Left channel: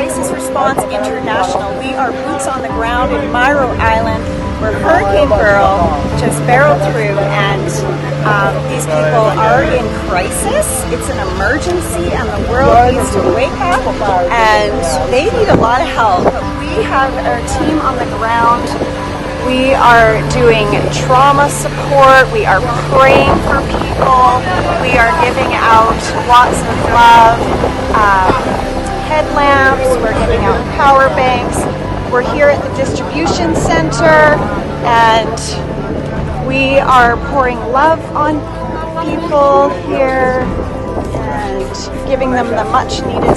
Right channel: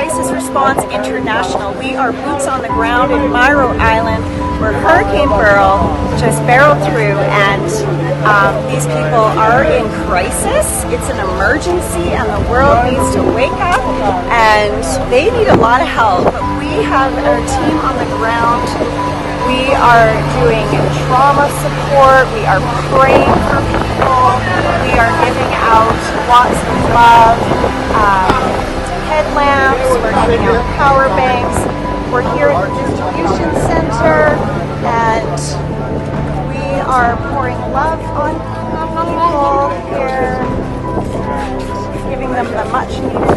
Crisis Response International. We are boots on the ground in Mayreau Island where Hurricane Beryl just barreled through, and these people are in crisis. It's an emergency and the world needs to wake up, and they need a lot of help. But we have a team on the ground. We are doing trauma support. We are praying for people. We are giving out lots of headlamps. We're giving out power banks. We're here at the distribution center, and we are pouring love on people here and giving them much needed